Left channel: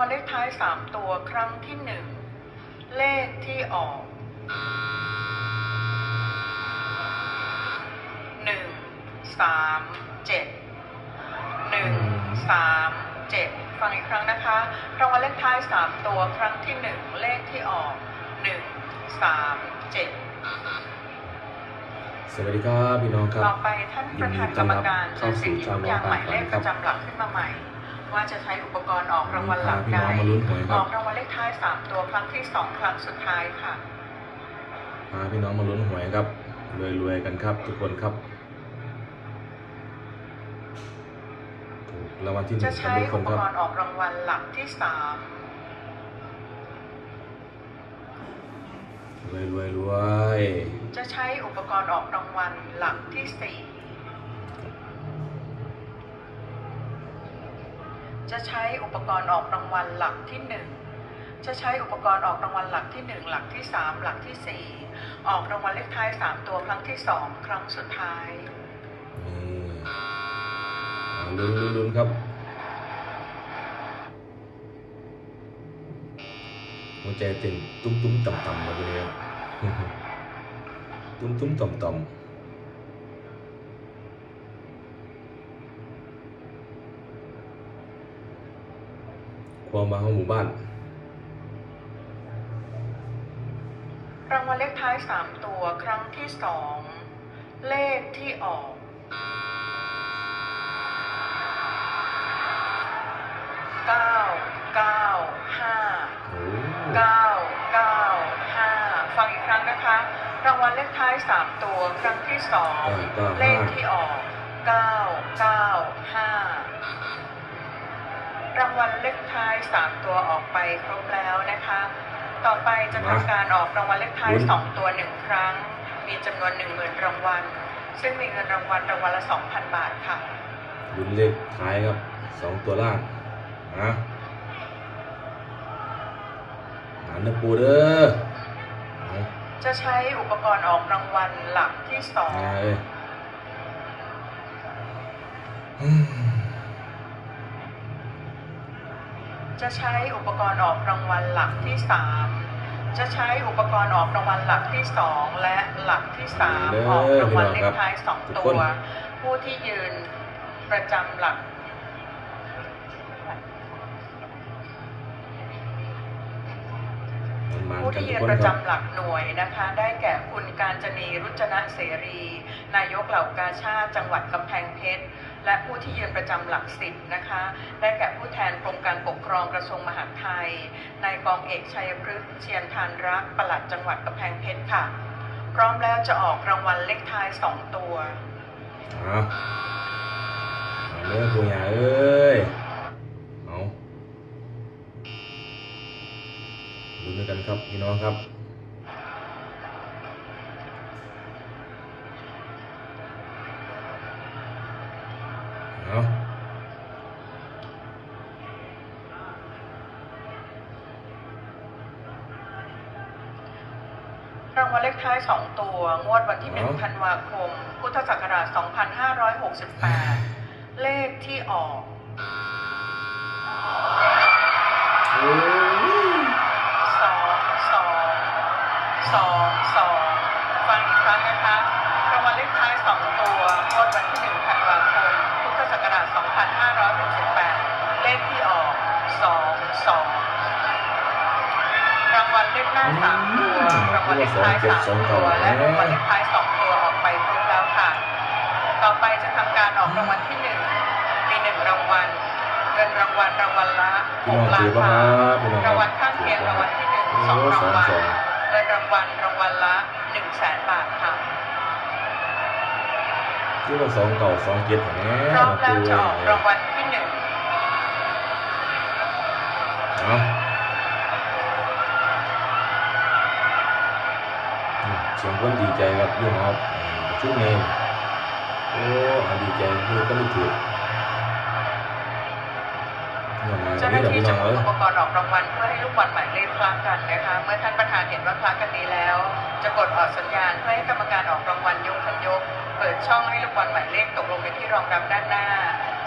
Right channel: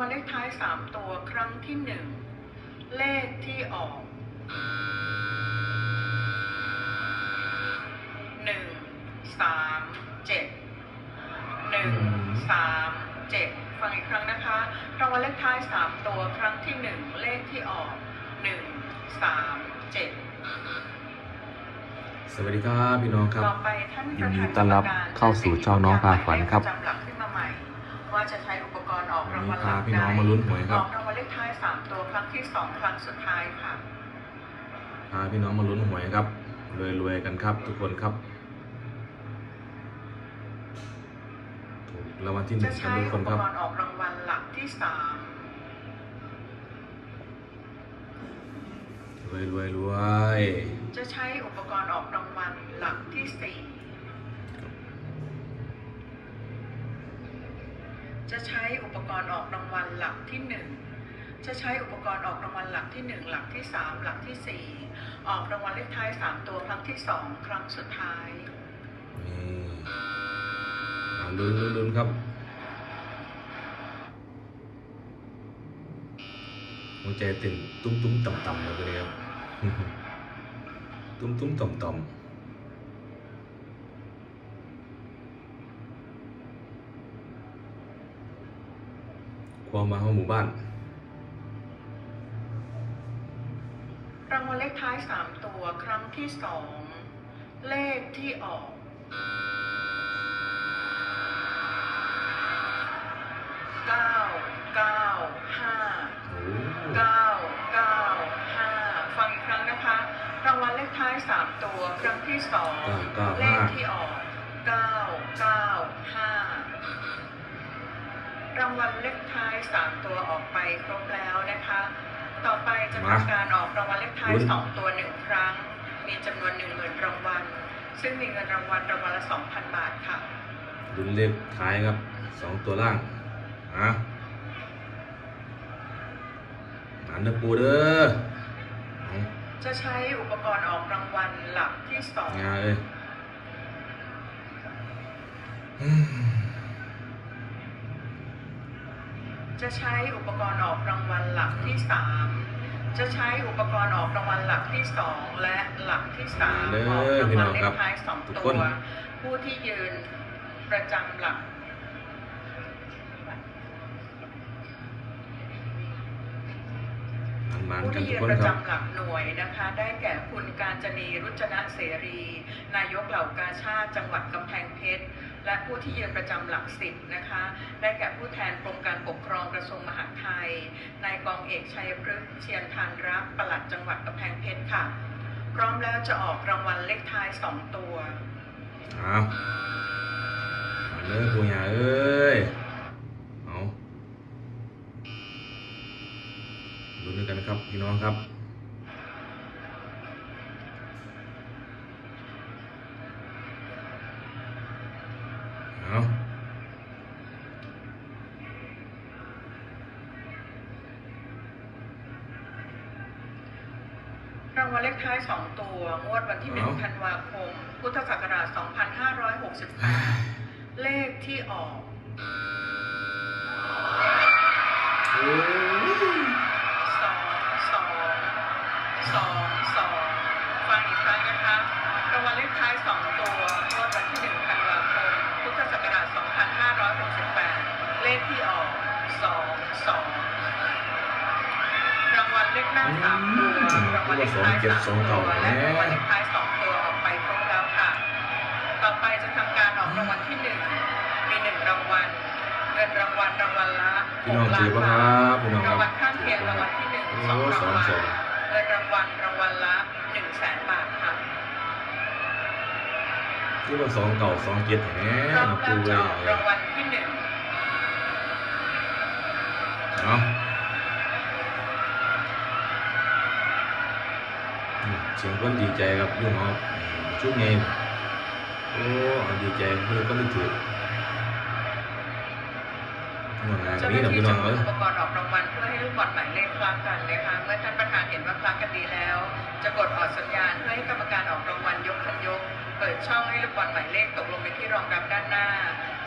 วัลเลขท้ายสามตัวครั้งที่หนึ่งเลขที่ออกหนึ่งสามเจ็ดหนึ่งสามเจ็ดฟังอีกครั้งนะคะรางวัลเลขท้ายสามตัวครั้งที่หนึ่งเลขที่ออกหนึ่งสามเจ็ดสวัสดีครับพี่น้องครับต่อไปท่านประธานกรรมการยินดีต้อนรับเข้าสู่ช่องน้องพาฝันครับจะหยิบยางหมายเลขประจำหลักขึ้นมาใหม่ ว่าจะใช้อุปกรณ์ออกรางวัลหลักพาพี่ใดน้องมาลุ้นหวยครับออกรางวัลเลขท้ายสามตัวครั้งที่สองครั้งสุดท้ายค่ะพาพี่น้องมาลุ้นหวยครับรวยๆกันครับ ทุกคนครับถูกรางวัลที่หจะนึ่งกันใช้ทุกคอุนปครับกรณ์ออกรางวัลหลักที่สามรวยรวยรวยจะใช้อุปกรณ์ออกรางวัลหลักที่สี่ จะใช้อุปกรณ์ออกรางวัลหลักที่หนึ่งจะใช้อุปกรณ์ออกรางวัลหลักที่หนึ่งหลักที่สามหลักที่สี่ออกรางวัลเลขท้ายสามตัวครั้งที่สองครั้งสุดท้ายนี่ลุ้นลุ้นครับหัวใจต้นตุ้มตุ้มต่ำต่ำมาเลยครับตุ้มตุ้มต่ำต่ำ ความมาของหมู่บ้าน รางวัลเลขท้ายสามตัวครั้งที่สองเลขที่ออกเก้าเก้าห้าโอ้เก้าเก้าห้าฟังอีกครั้งนะคะ รางวัลเลขท้ายสามตัวครั้งที่สองเลขที่ออกเก้าเก้าห้า รางวัลเลขท้ายสามตัวออกไปครบแล้วนะคะ ต่อไปจะทำการออกรางวัลเลขท้ายสองตัวหนึ่งครั้ง มีจำนวนหนึ่งหมื่นรางวัล ซึ่งมีเงินรางวัลรางวัลละสองพันบาทค่ะลุ้นเลขท้ายครับสองตัวล่างอะหมานนะปูเด้อเอาจะใช้อุปกรณ์ออกรางวัลหลักที่สองงาเลยอืม จะใช้อุปกรณ์ออกรางวัลหลักที่สามจะใช้อุปกรณ์ออกรางวัลหลักที่สองและหลักที่สามออกรางวัลเลขท้ายสองตัวผู้ที่ยืนประจำหลัก มันหมานผู้กันที่ทุกยืนคนประครับ จำหลักหน่วยนะคะ ได้แก่คุณการจนีรุจนะเสรี นายกเหล่ากาชาติจังหวัดกำแพงเพชร และผู้ที่ยืนประจำหลักสิบนะคะ ได้แก่ผู้แทนกรมการปกครองกระทรวงมหาดไทย นายกองเอกชัยพฤกษ์เชียนทานรักปลัดจังหวัดกำแพงเพชรค่ะ พร้อมแล้วจะออกรางวัลเลขท้ายสองตัวเอาเอาเด้อปูยาเอ้ย เอาลุ้นด้วยกันครับพี่น้องครับ เอารางวัลเลขท้าย 2 ตัว งวดวันที่1ธันวาคม พุทธศักราช 2568 เลขที่ออกโอ้ย สองสองสองสองฟังอีกครั้งนะคะรางวัลเลขท้าย 2 ตัวงวดวันที่ 1 ธันวาคม พุทธศักราช 2568 เลขที่ออกสอง สองรางวัลเลขหน้าสามตัวรางวัลเลขท้ายสามตัวและรางวัลเลขท้ายสองตัวออกไปครบแล้วค่ะ ต่อไปจะทำการออกรางวัลที่หนึ่งมีหนึ่งรางวัลเงินรางวัลรางวัลละพี่น้องถือป่ะครับพี่น้องรางวัลข้างเคียงรางวัลที่หนึ่งสองรางวัลเงินรางวัลรางวัลละหนึ่งแสนบาทค่ะที่ว่าสองเก่าสองเจ็ดแหมรอมนะแล้ปูวจะเอ้อกรางวัลที่หนึ่ง เอาอืมเสียงคนดีใจครับอยุ่งครับชุดเองโอ้เอาดีใจคือก็ไม่ถือเงินไหนเจ้าหนี่น้าเดี๋ยวที่พี่น้จะองหมุเอ้นยอุปกรณ์ออกรางวัลเพื่อให้ลูกบอลหมายเลขคล้ากันนะคะเมื่อท่านประธานเห็นว่าคล้ากันดีแล้ว จะกดออกสัญญาณเพื่อให้กรรมการออกรางวัลยกคันยก เปิดช่องให้ลูกบอลหมายเลขตกลงในที่รองรับด้านหน้า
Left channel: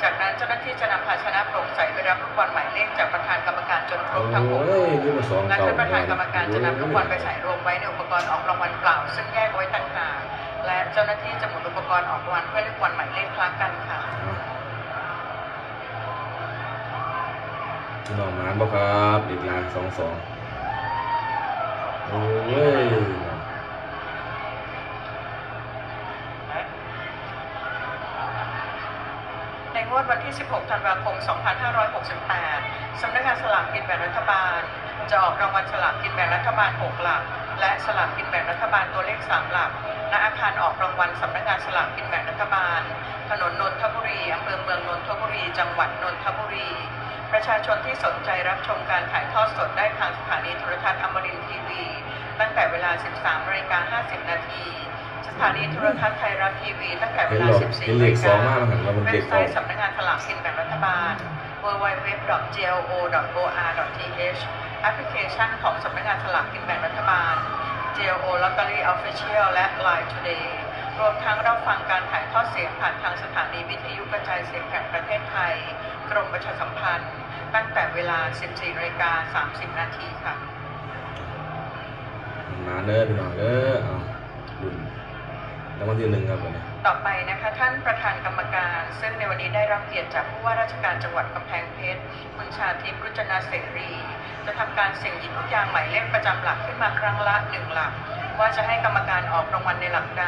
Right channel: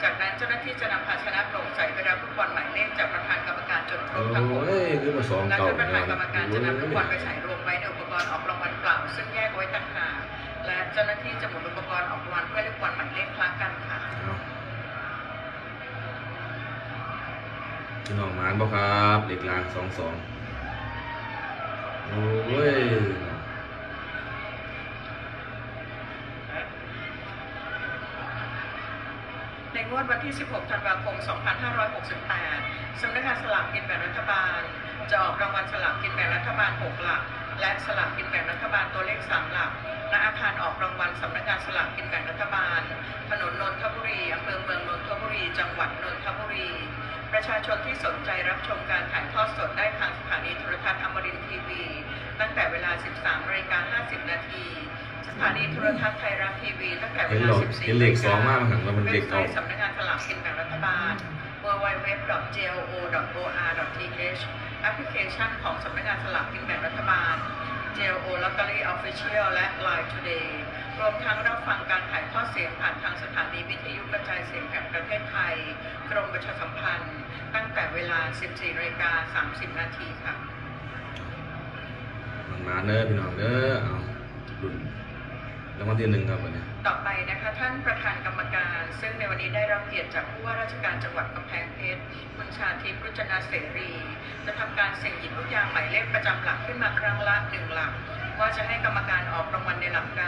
จากนั้นเจ้าหน้า ที่จะนำภาชนะโปร่งใสไปรับลูกบอลหมายเลขจากประธานกรรมการจนครโอ้บทั้งหกยคือมาสองและเก่าท่านประธานกรรมการจะนำลูกบอลไปโอ้ยใส่รวมไว้ในอุปกรณ์ออกรางวัลเปล่า ซึ่งแยกไว้ต่างหากและเจ้าหน้าที่จะหมุนอุปกรณ์ออกรางวัลเพื่อให้ลูกบอลหมายเลขคล้ากันค่ะเอาพี่น้องหมานบ่ครับเด็กลางสองสองโอ้ย งวดวันที่ 16 ธันวาคม 2568 สำนักงานสลากกินแบ่งรัฐบาล จะออกรางวัลสลากกินแบ่งรัฐบาล 6 หลัก และสลากกินแบ่งรัฐบาลตัวเลข 3 หลัก ณ อาคารออกรางวัลสำนักงานสลากกินแบ่งรัฐบาล ถนนนนทบุรี อำเภอเมืองนนทบุรี จังหวัดนนทบุรี ประชาชนที่สนใจรับชมการถ่ายทอดสดได้ทางสถานีโทรทัศน์อมรินทร์ทีวี ตั้งแต่เวลา 13นาฬิกา50 นาที สถานีโทรทัศน์ไทยรัฐทีวีตั้งแต่เวเห็นลาหรอก14เห็นเลขสองมากมันหันมาเป็นเลเว็ขบไซเก่าต์สำนักงานสลากกินแบ่งรัฐบาล www.glo.or.th แอปพลิเคชันของสำนักงานสลากกินแบ่งรัฐบาล GLO Lottery Official และ Line Today รวมทั้งรับฟังการถ่ายทอดเสียงผ่านทางสถานีวิทยุกระจายเสียงแห่งประเทศไทย กรมประชาสัมพันธ์ ตั้งแต่เวลา 14นาฬิกา30 นาทีค่ะ มันมาเด้อพี่น้องเด้อเอาดุนรางวัลที่หนึ่งครับวันนี้ ต่อไปนะคะท่านประธานกรรมการ ซึ่งในวันนี้ได้รับเกียรติจากผู้ว่าราชการจังหวัดกำแพงเพชรคุณชาทิพย์รุจนาเสรี จะทำการเสี่ยงหยิบลูกยางหมายเลขประจำหลักขึ้นมาครั้งละหนึ่งหลัก ว่าจะให้กรรมการออกรางวัลในหลักใด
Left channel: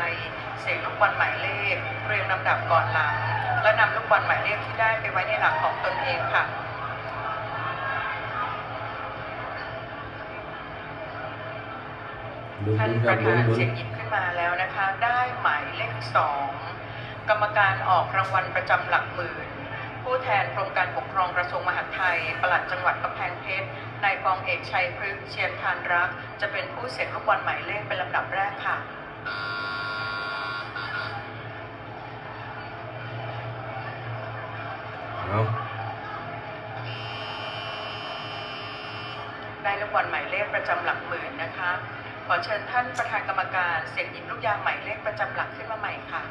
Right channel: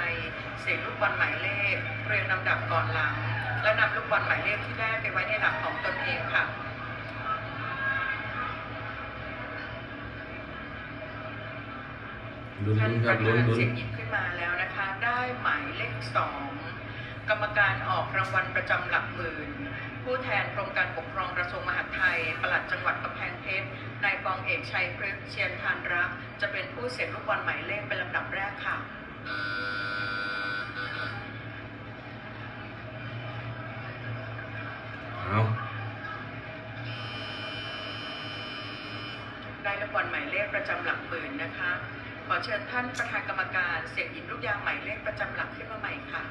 เสี่ยงลูกบอลหมายเลขเรียงลำดับก่อนหลัง และนำลูกบอลหมายเลขที่ได้ไปไว้ในหลักของตนเองค่ะ ลุ้นท่านลุ้นคปรับระลุ้ธานนลุ้นเสียงหยิบขึ้นมาแล้วนะคะ ได้หมายเลขสองกรรมการออกรางวัลประจำหลักหมื่น ผู้แทนกรมการปกครองกระทรวงมหาดไทยปลัดจังหวัดกำแพงเพชรนายกองเอกชัยพฤกษ์เชียนทานรัก จะเป็นผู้เสี่ยงลูกบอลหมายเลขเป็นลำดับแรกค่ะ เอาได้ลูกบอลหมายเลขประจำหลักหมื่นนะคะ ขอเชิญท่านประธานกรรมการเสียงหยิบลูกยางหมายเลขประจำหลักขึ้นมาใหม่ค่ะ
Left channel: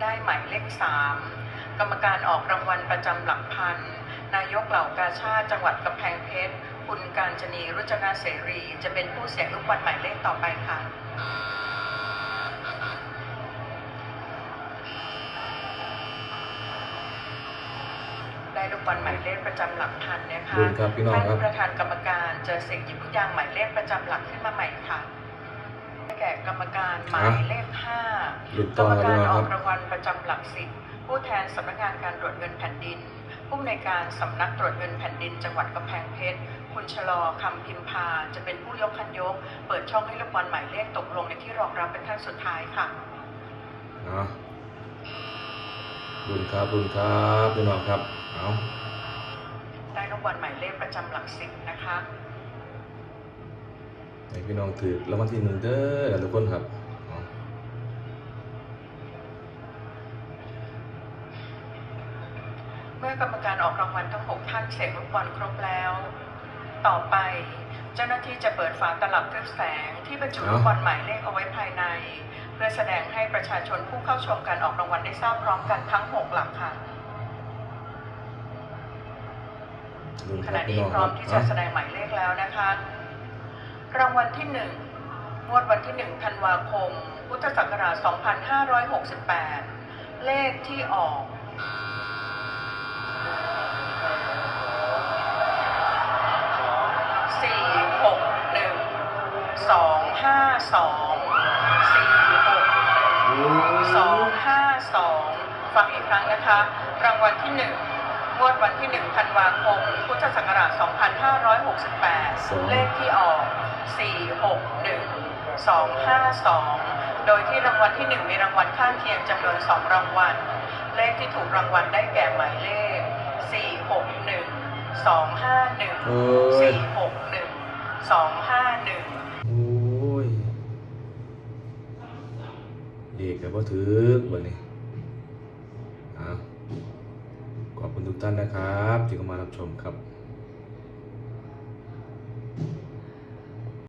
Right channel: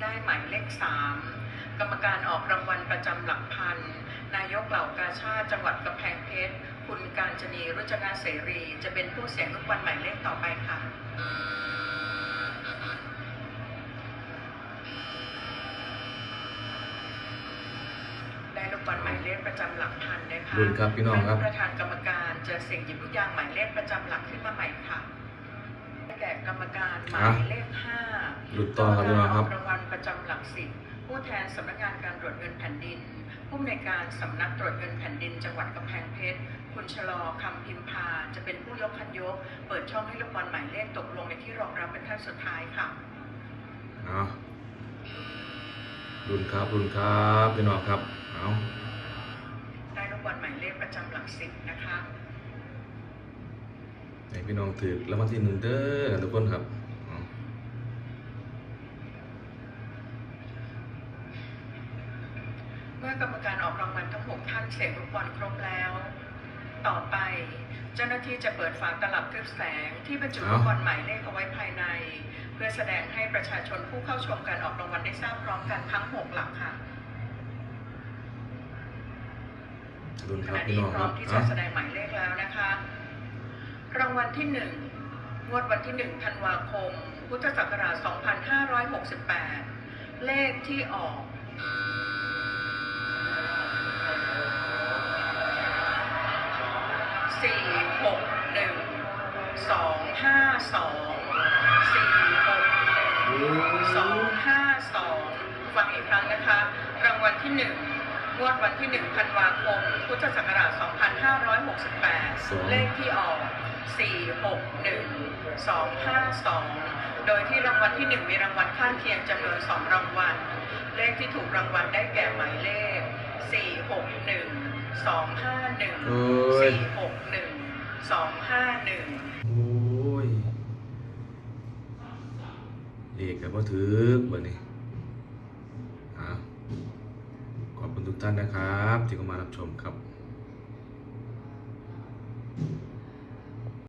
ได้หมายเลขสามกรรมการออกรางวัลประจำหลักพัน นายกเหล่ากาชาติจังหวัดกำแพงเพชร คุณการจนีรุจนาเสรี จะเป็นผู้เสียงลูกบอลหมายเลขต่อไปค่ะ ได้ ลูกบอลหมายเลขประจำหลักพันนะคะลุ้นครับพี่น้องครับท่านประธานกรรมการจะเสี่ยงหยิบลูกยางหมายเลขประจำหลักขึ้นมาใหม่ค่ะแก่กรรมการหมายเลขห้าลุ้นกต่รอรมครับกาพี่รน้องครับออกรางวัลประจำหลักสิบผู้แทนสำนักงานการตรวจเงินแผ่นดิน ผู้อำนวยการสำนักตรวจเงินแผ่นดิน จังหวัดกำแพงเพชรคุณชะลอคำพิมพาจะเป็นผู้ยกคันยก เปิดช่องให้ลูกบอลหมายเลขตกลงในที่รองรับเป็นขั้นสุดท้ายค่ะเอาลุ้นครับลุ้นครับพี่น้องครับ เอาได้ลูกบอลหมายเลขประจำหลักสิบนะคะให้พี่น้องถือรางวัลที่หนึ่งเด้อกันทุกคนครับเอาเมื่อกรรมการออกรางวัลทั้ง6ท่านเสกลูกบอลครบแล้ว ต่อไป เจ้าหน้าที่จะเปิดฝาตลับทึบแสงที่บรรจุลูกบอลหมายเลขเอาไว้ภายใน เพื่อแสดงให้ประชาชนผู้เข้าชมการออกรางวัลได้ทราบพร้อมกันทั้ง6หลักค่ะ ลุ้นขครับณะพี่นี้น้องพคร้อรัมบที่เอาจะแสดงหมายเลขแล้วนะคะ รางวัลที่หนึ่งงวดวันที่หนึ่งธันวาคม พุทธศักราช 2568 เลขที่ออก สี่หกหนึ่งสองห้าสองสี่หกหนึ่งสองห้าสองฟังอีกครั้งนะคะ รางวัลที่หนึ่ง งวดวันที่หนึ่งธันวาคม พุทธศักราช 2568 เลขที่ออก 461 252 โดยที่รางวัลที่หนึ่งมีรางวัลข้างเคียงจำนวนสองรางวัล เลขที่ถูกรางวัลได้แก่หมายเลข 461 251โอ้ย461 251โอ้ยเด็กกับว่าถือวันนี้อ่าขอบคุณ ทุกท่านนะครับ ที่เข้ามารับชมครับ